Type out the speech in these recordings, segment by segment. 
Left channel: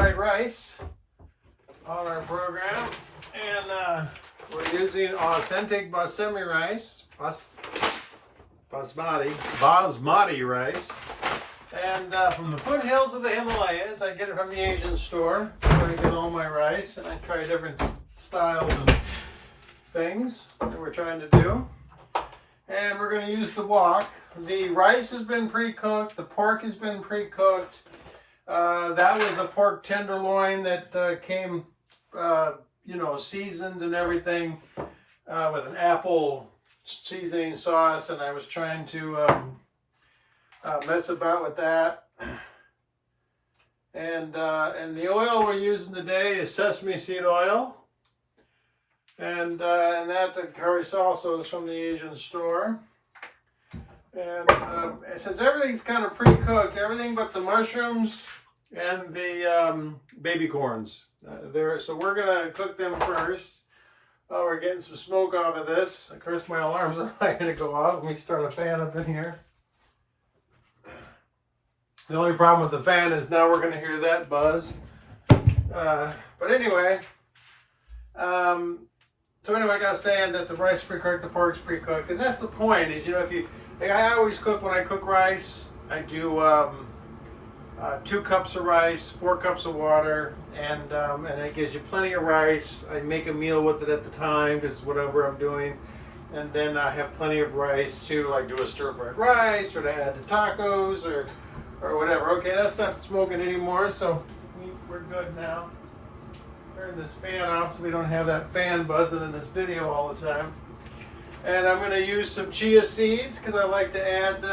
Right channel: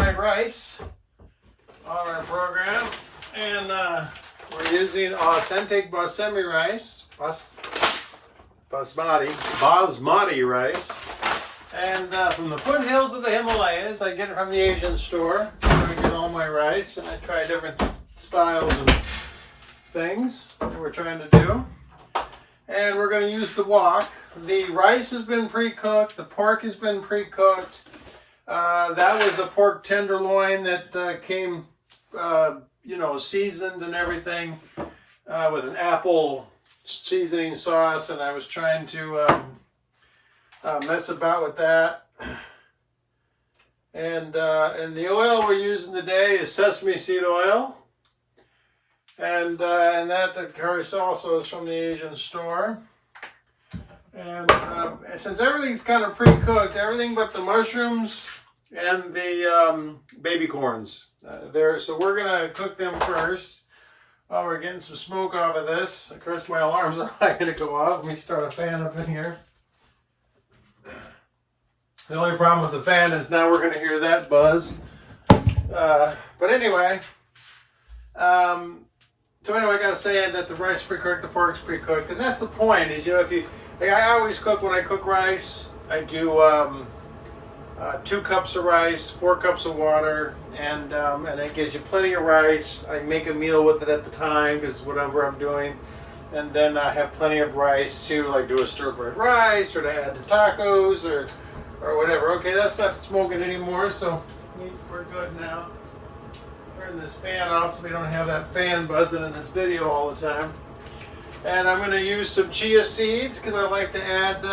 fried rice on our program, and we're using authentic basmati rice, basmati rice, and from the foothills of the Himalayas. I get it from the Asian store, where I get all my rice, and I try different styles and things that we're trying to do. And we're going to use the wok. The rice has been pre-cooked. The pork has been pre-cooked. That was a pork tenderloin that came, seasoned and everything with an apple seasoning sauce. And I was trying to mess about with that. And the oil we're using today is sesame seed oil. And that the curry also is from the Asian store. And since everything's kind of pre-cooked, everything but the mushrooms and the baby corns there. So we're going to cook them first. Oh, we're getting some smoke off of this. Of course, my alarms are not going to go off. Let me start a fan up in here. The only problem with the fan is now we're going to hear that buzz. But anyway, so anyway, I got to say that the rice is pre-cooked, the pork's pre-cooked, and that's the point. Is if you, I always cook when I cook rice. I do 2 cups of rice, 4 cups of water, and it gives you plenty of rice. I make a meal with it at the time because whatever I'm doing, and then I have plenty of rice too, like do a stir-fried rice or to add to tacos or whatever. Okay, that's not smoking anymore, so we're good now. Turn this fan off so we don't have that fan buzzing in this video all the time. And I'm going to use some chia seeds because I like to add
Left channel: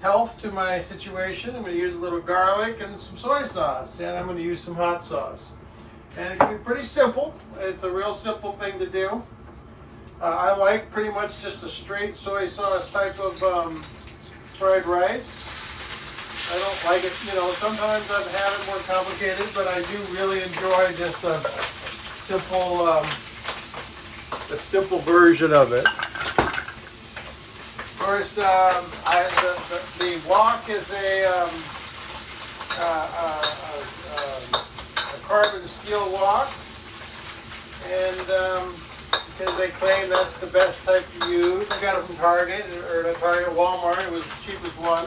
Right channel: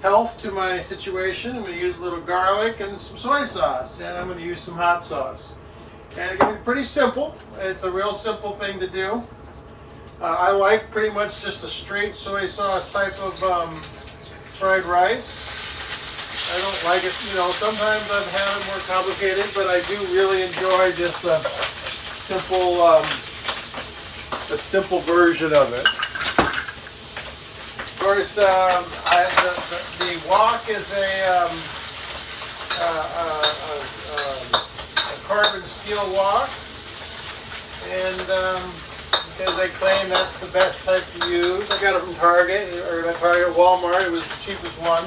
health to my situation. I'm going to use a little garlic and some soy sauce, and I'm going to use some hot sauce. And it's going to be pretty simple. It's a real simple thing to do. I like pretty much just a straight soy sauce type of fried rice. I don't like it, sometimes I've had it more complicated, but I do really enjoy just a simple version of it. Of course, the wok is a carbon steel wok, and because they claim that's the best type to use. I got it from Target, or not Target, Walmart. It was the cheapest one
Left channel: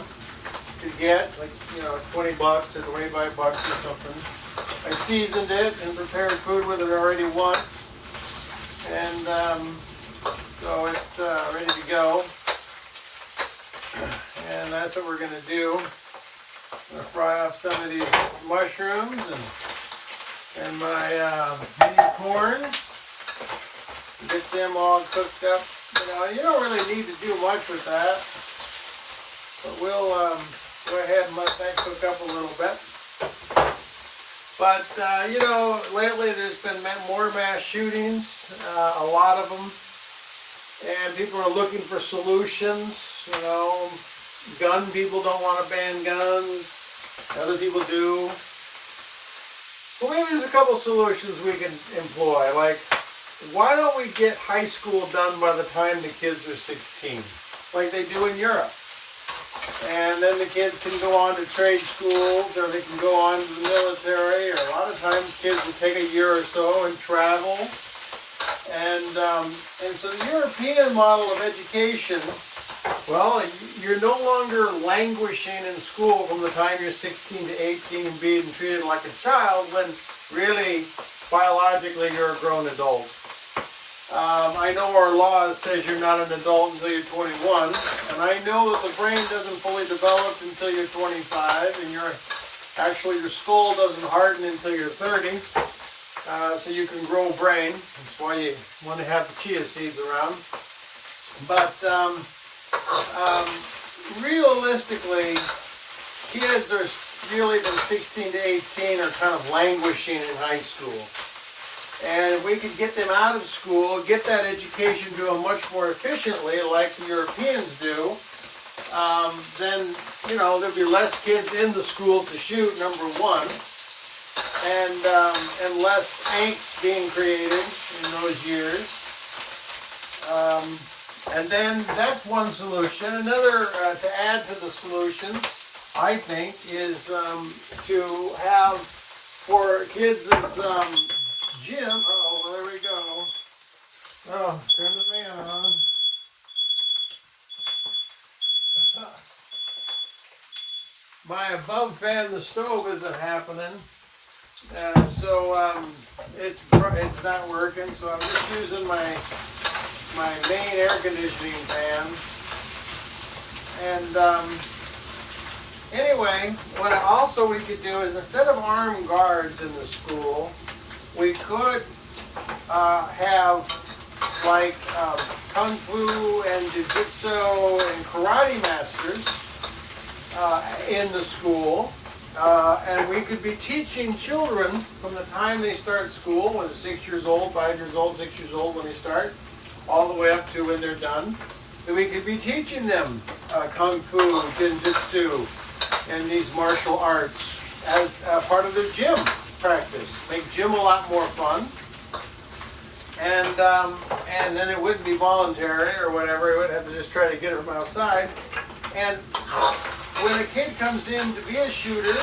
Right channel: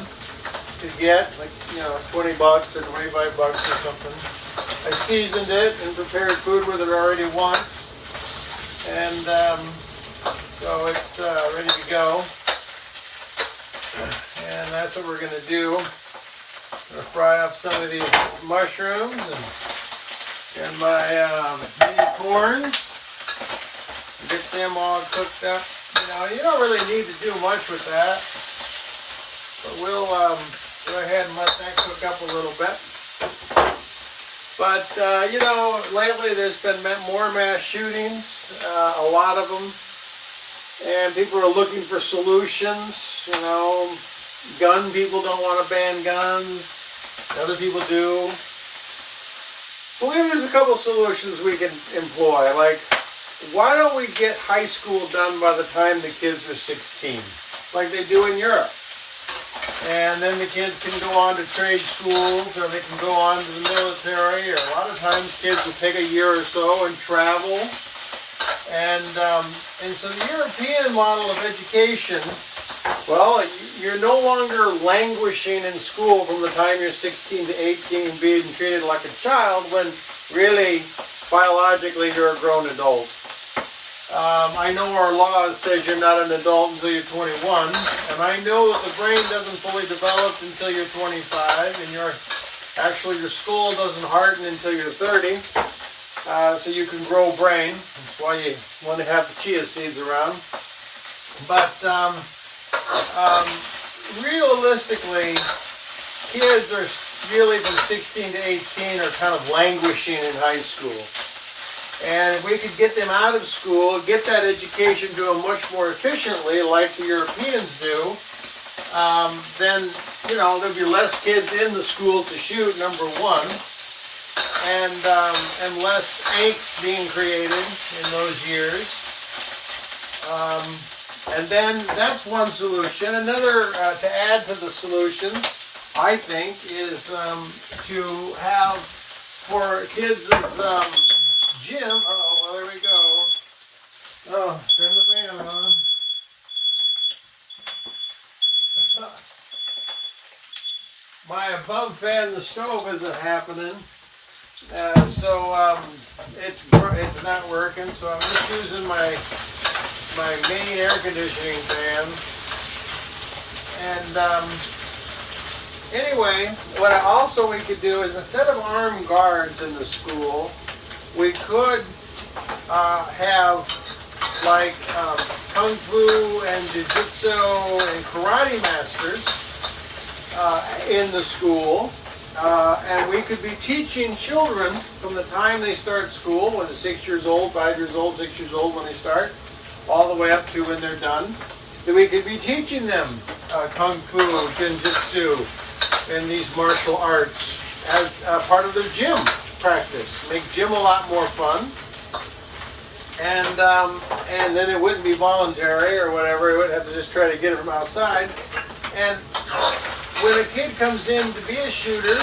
to get, like, $20 or $25 or something. I seasoned it and prepared food with it already once, and so it's ready to go. And that's what we're going to do. I'm going to fry up some of these mushrooms and my mini corns. Get them all cooked up. You don't really need to do much with that, but we'll go ahead and let that cook up a little bit. But, lately there's been more mass shootings, a lot of them, and people are looking for solutions. Gun people don't want to ban guns, other people do. Well, there's a couple solutions we can employ, like, why don't we get high school done by the time the kids are 16, like they do in Europe? And then the kids can go on to trade schools, or they can go on to the military, or a lot of times kids will take a year or so and travel. And so the European model of education, well, you're no longer languishing in school from the time you're 16 to 18 and being treated like a child, when really, biologically, you're a grown adult. I know our law says you're not an adult until you're 21, and I know that the brain doesn't fully develop until you're 25, and your skull doesn't harden until you're 30, so you can grow brain. That's why you want to have the chia seeds around. But realistically, kids are really from 16 to 18 are kind of languishing in high school. And if we could get them out of school, get that education to them much more efficiently, like the Europeans do, then, there'll be less kids in the school to shoot, number one, and less angst being created in those years. And then that's one solution. Another, to add to the solution, I think, is to have for kids' gym. Uh-oh, well, there we go. Oh, turn the fan on. My above fan in the stove isn't happening. So it's not working. So I'm just using my main air conditioning fan. And anyway, what also we could do is, instead of armed guards in the school, we could have like kung fu and jiu-jitsu and karate masters in the school. And we could be teaching children from the time they start school, when they're 6 years old, 5 years old, 6 years old when they start, all the way up to when they're done. That we could be teaching them kung fu, jiu-jitsu, and these martial arts as part of their gym practice. Make gym a lot more fun. And then it wouldn't be voluntary or whatever. It would have to just try to get them outside. And when a kid comes in to be a shooter,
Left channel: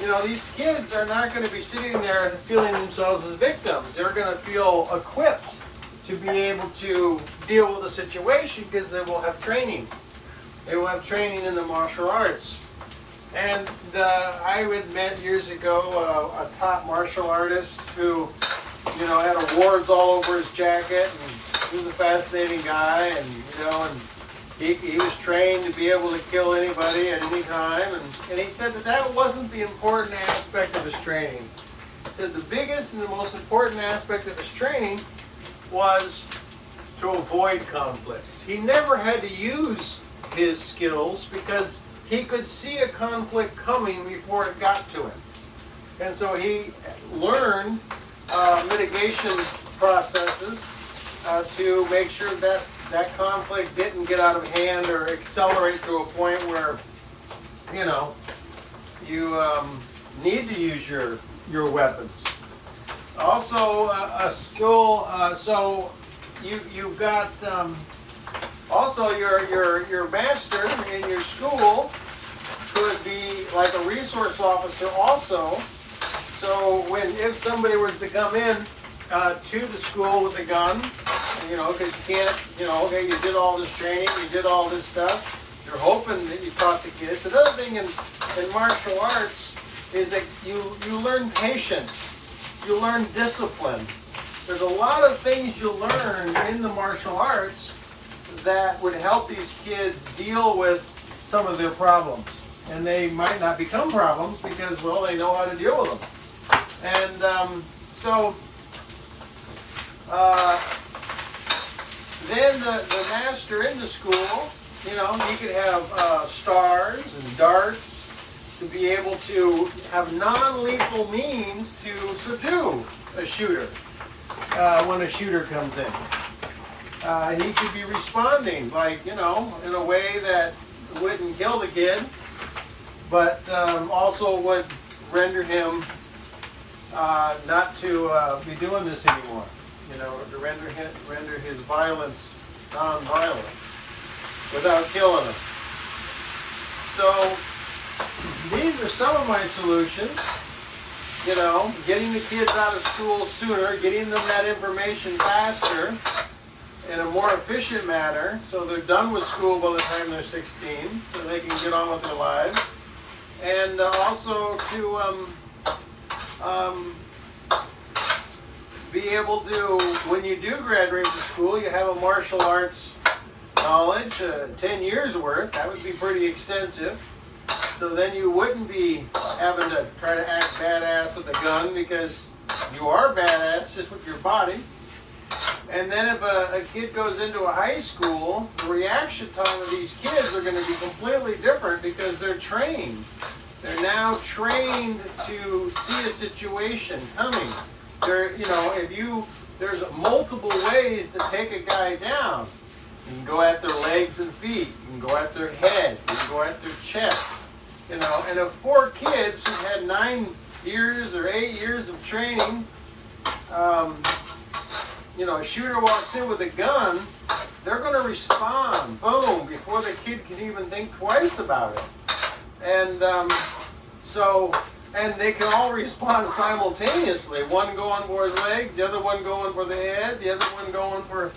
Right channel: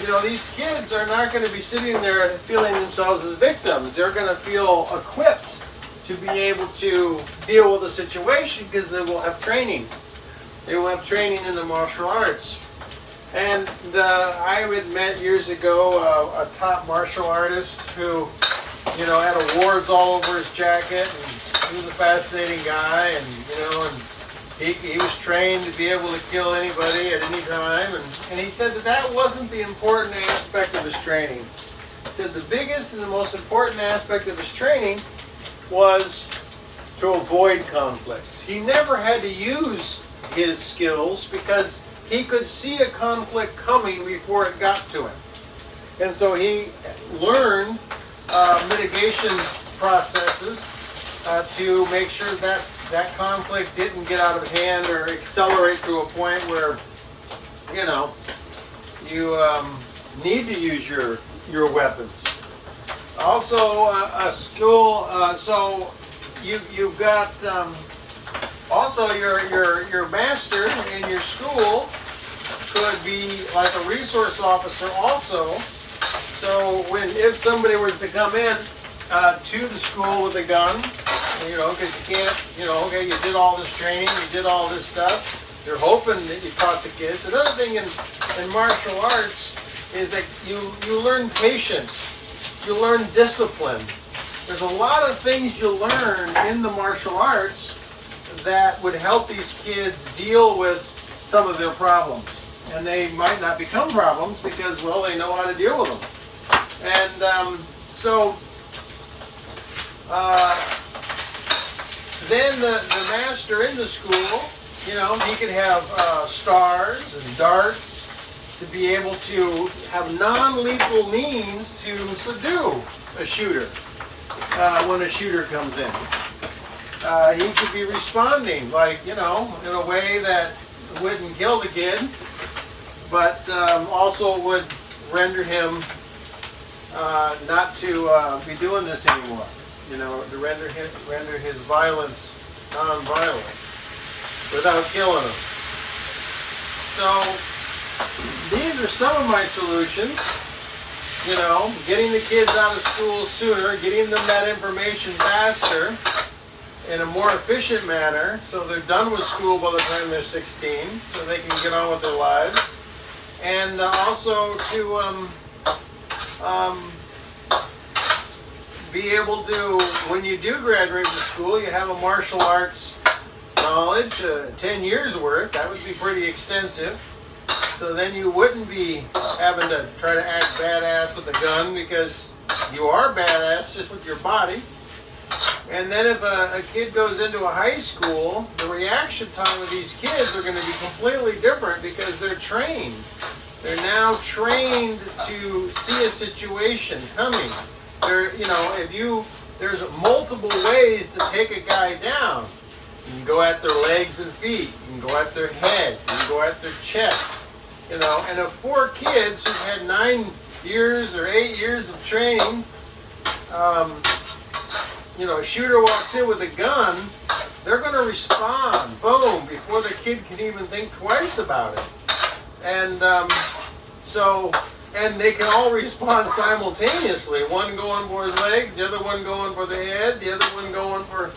you know, these kids are not going to be sitting there feeling themselves as victims. They're going to feel equipped to be able to deal with the situation because they will have training. They will have training in the martial arts. And I had met years ago a top martial artist who, you know, had awards all over his jacket, and he was a fascinating guy, and you know, and he was trained to be able to kill anybody at any time, and he said that wasn't the important aspect of his training. He said the biggest and the most important aspect of his training was to avoid conflicts. He never had to use his skills because he could see a conflict coming before it got to him. And so he learned mitigation processes to make sure that that conflict didn't get out of hand or accelerate to a point where, you know, you need to use your weapons. Also, a skill. So you've got also your master in your school could be like a resource officer also. So if somebody was to come in to the school with a gun, you know, because you can't, you know, okay, you did all this training, you did all this stuff, you're hoping that you taught the kids. Another thing in martial arts is that you learn patience, you learn discipline. There's a lot of things you learn in the martial arts that would help these kids deal with some of their problems. And they might not become problems because, well, they know how to deal with them. And then the master in the school, you know, he could have stars and darts to be able to have non-lethal means to subdue a shooter when a shooter comes in. He could be responding, like, you know, in a way that wouldn't kill the kid, but also would render him not to be doing this anymore. You know, to render his violence non-violent without killing him. So these are some of my solutions. You know, getting the kids out of school sooner, getting them that information faster in a more efficient manner, so they're done with school by the time they're 16, so they can get on with their lives. And also to be able to, when you do graduate from school, you have a martial arts knowledge, 10 years worth. That would be pretty extensive. So then you wouldn't be having to try to act badass with a gun, because you are badass just with your body. And then if a kid goes into a high school, the reaction time of these kids are going to be completely different because they're trained. They're now trained to see a situation coming. You know, there's multiple ways to take a guy down. You can go at their legs and feet. You can go at their head. You can go at their chest. You know, and if 4 kids who've had 9 years or 8 years of training, you know, a shooter walks in with a gun, they're going to respond, boom, before the kid can even think twice about it. And and they can all respond simultaneously. One going for his legs, the other one going for the head, the other one going for,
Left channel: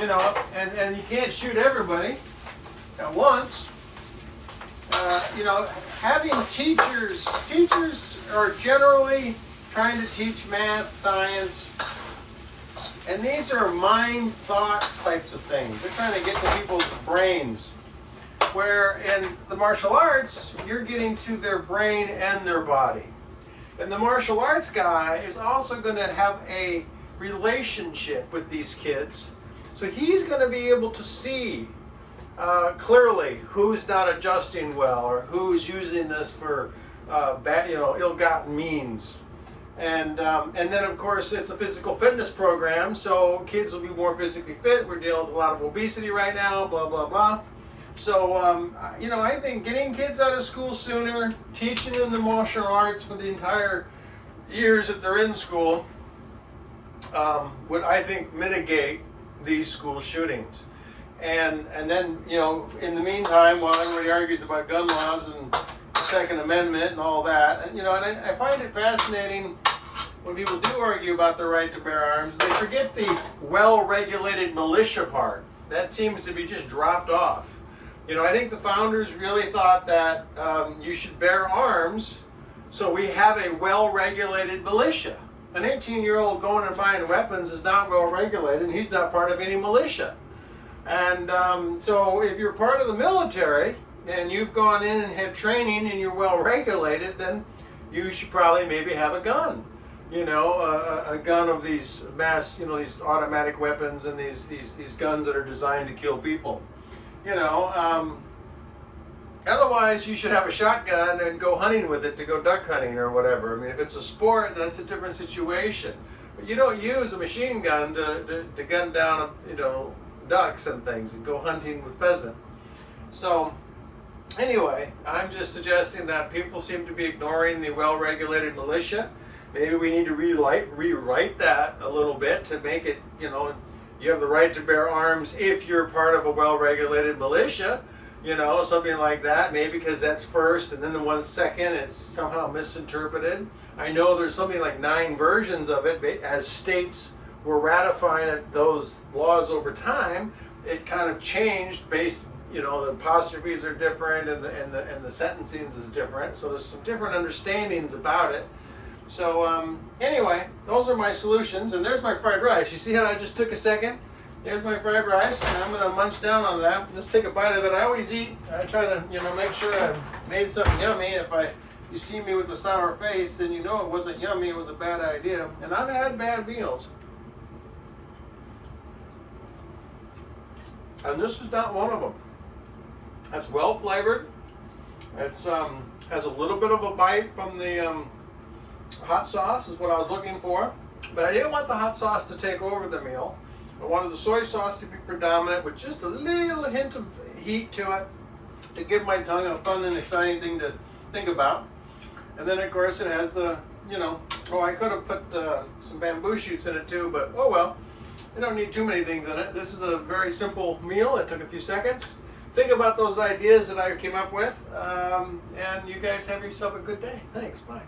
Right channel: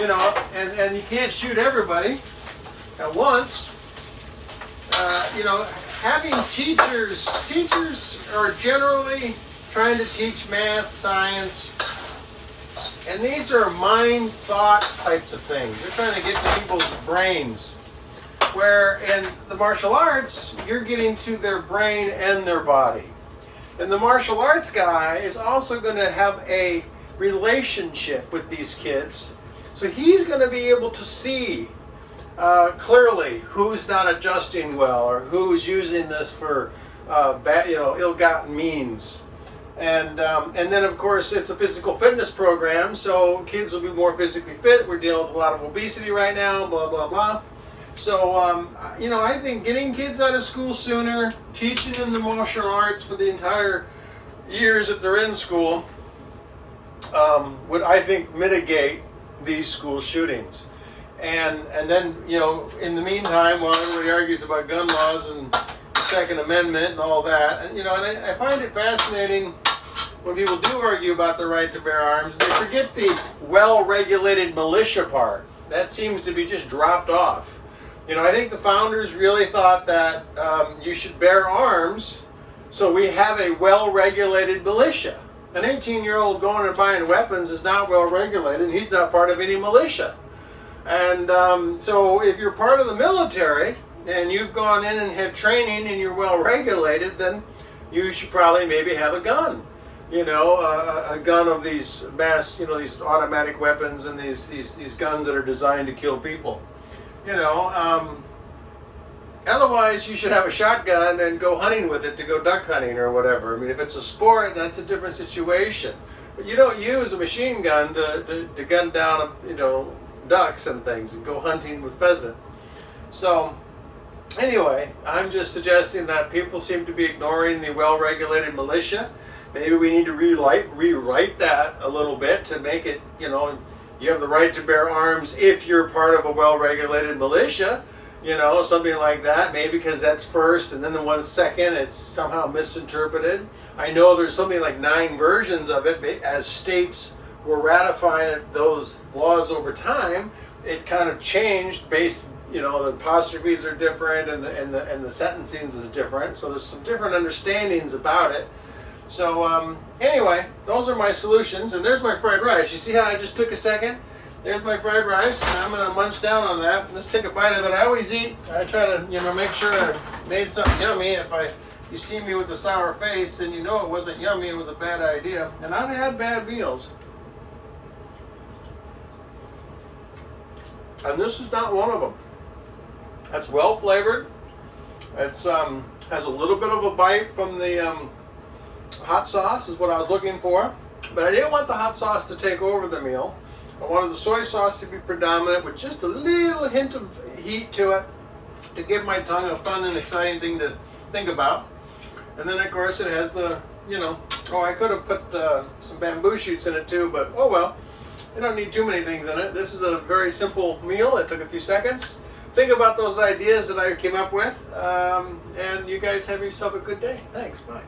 you know, and you can't shoot everybody at once. You know, having teachers are generally trying to teach math, science, and these are mind thought types of things. They're trying to get to people's brains. Where in the martial arts, you're getting to their brain and their body. And the martial arts guy is also going to have a relationship with these kids. So he's going to be able to see clearly who's not adjusting well or who's using this for bad, you know, ill-gotten means. And then, of course, it's a physical fitness program, so kids will be more physically fit. We're dealing with a lot of obesity right now, blah, blah, blah. So, you know, I think getting kids out of school sooner, teaching them the martial arts for the entire years that they're in school, would, I think, mitigate these school shootings. And then, you know, in the meantime, while everybody argues about gun laws and the Second Amendment and all that, and, you know, and I find it fascinating when people do argue about the right to bear arms, they forget the well-regulated militia part. That seems to be just dropped off. You know, I think the founders really thought that you should bear arms, so we have a well-regulated militia. An 18-year-old going and buying weapons is not well-regulated, and he's not part of any militia. And so if you're part of the military, and you've gone in and had training, and you're well-regulated, then you should probably maybe have a gun. You know, a gun of these mass, you know, these automatic weapons and these guns that are designed to kill people. You know, otherwise you should have a shotgun and go hunting with it to go duck hunting or whatever. I mean, if it's a sport, that's a different situation. But you don't use a machine gun to gun down, you know, ducks and things and go hunting with pheasant. So, anyway, I'm just suggesting that people seem to be ignoring the well-regulated militia. Maybe we need to rewrite that a little bit to make it, you know, you have the right to bear arms if you're part of a well-regulated militia, you know, something like that. Maybe because that's first and then the one second, it's somehow misinterpreted. I know there's something like 9 versions of it. As states were ratifying those laws over time, it kind of changed based, you know, the apostrophes are different and the sentencing is different. So there's some different understandings about it. So anyway, those are my solutions, and there's my fried rice. You see how I just took a second? There's my fried rice, and I'm gonna munch down on that. Let's take a bite of it. I always eat. I try to, you know, make sure I made something yummy. If you see me with a sour face, and you know it wasn't yummy, it was a bad idea. And I've had bad meals, and this is not one of them. It's well flavored. It's has a little bit of a bite from the hot sauce is what I was looking for, but I didn't want the hot sauce to take over the meal. I wanted the soy sauce to be predominant with just a little hint of heat to it to give my tongue a fun and exciting thing to think about. And then of course it has the, you know, oh, I could have put some bamboo shoots in it too, but oh well, you don't need too many things in it. This is a very simple meal. It took a few seconds. Think about those ideas that I came up with, and you guys have yourself a good day. Thanks, bye.